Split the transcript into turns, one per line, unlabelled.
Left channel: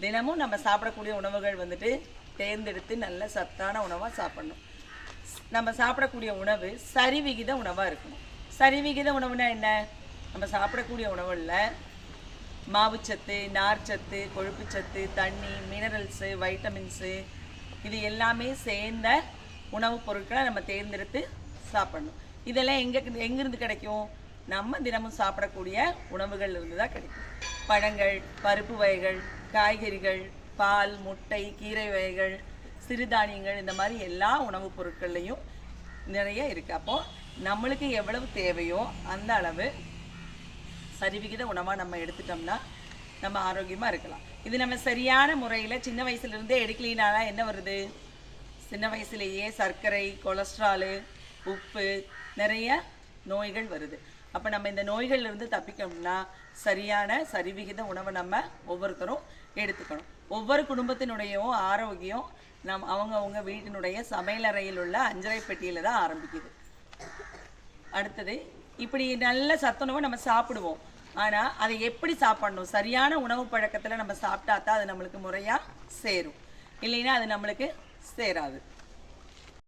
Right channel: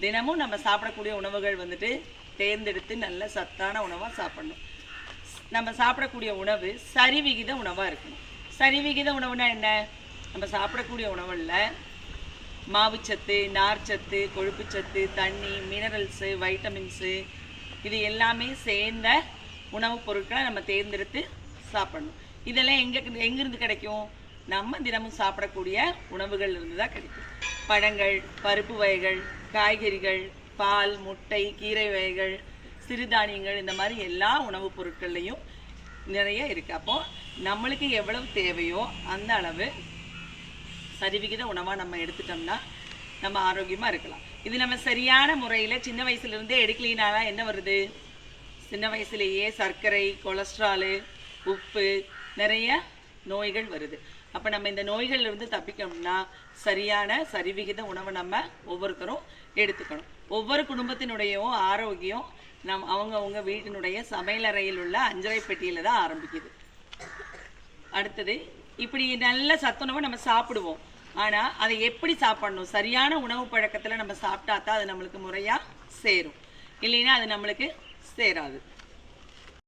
தினமும் நம்ம சாப்பிடக்கூடிய உணவுகள் வந்துட்டு தேர்ந்தெடுத்து நல்ல சத்தான உணவாக சாப்பிடணும். நம்ம சாப்பிடக்கூடிய உணவு சரிவிகித உணவாக இருக்கணும். சரிவிகித உணவுனா என்ன? நம்ம சாப்பிடக்கூடிய உணவுல மாவுச்சத்து நார்ச்சத்து கொழுப்புச்சத்து தண்ணி மினரல்ஸு வைட்டமின்ஸு இது எல்லாமே சேர்ந்த உணவுப் பொருட்களை நம்ம தேர்ந்தெடுத்து சாப்பிடணும். இதெல்லாம் எங்கே எங்கேருந்து கிடைக்கும்? நம்ம தினமும் சாப்பிடக்கூடிய உணவுகள் இருந்து தான் கிடைக்கும். பழங்கள் பருப்பு வகைகள் காய்கறிகள் பால் முட்டை கீரை வகைகள் சிறுதானியங்கள் இந்த மாதிரி எல்லா உணவுப் பொருட்கள்லையும் நிறைய இருக்குது அப்போது நம்மளுக்கு எவ்வளவு தேவையோ அந்த அளவு சரிவிகித உணவாக நம்ம எடுத்துட்டோம்னா நம்ம ஆரோக்கியமாக இருக்கலாம். இது நம்ம சரியான முறையில் சின்ன வயசுலேருந்தே எடுக்கலினால என்ன வருது? சின்ன வயசுலேயே சர்க்கரை கொலஸ்ட்ராலு உப்பு நிறைய நோய்கள் வருது. அப்போ நம்ம இந்த நோய்கள்லேருந்து தப்பிக்கணும்னா சரியான சரிவிகித உணவை நம்ம ஒவ்வொருத்தரும் எடுத்துக்கணும். ஒவ்வொரு குடும்பத்தினுடையவும் ஆரோக்கியம் நம் அவங்கவுங்க வீட்டினுடைய சமையலறையில் உள்ள அஞ்சரை பெட்டியில் தான் ஆரம்பிக்குது. அடுத்தது இப்படி நல்ல சத்துணவை நம்ம சாப்பிடுவோம். ஆனால் அதை எப்படி சாப்பிடணும்? சரியான உணவு பழக்கத்தில் நம்ம சாப்பிட்டா தான் அது நம்மளுக்கு முறையாக சேரும். இல்லைன்னா அது நம்மளுக்கு சேராது.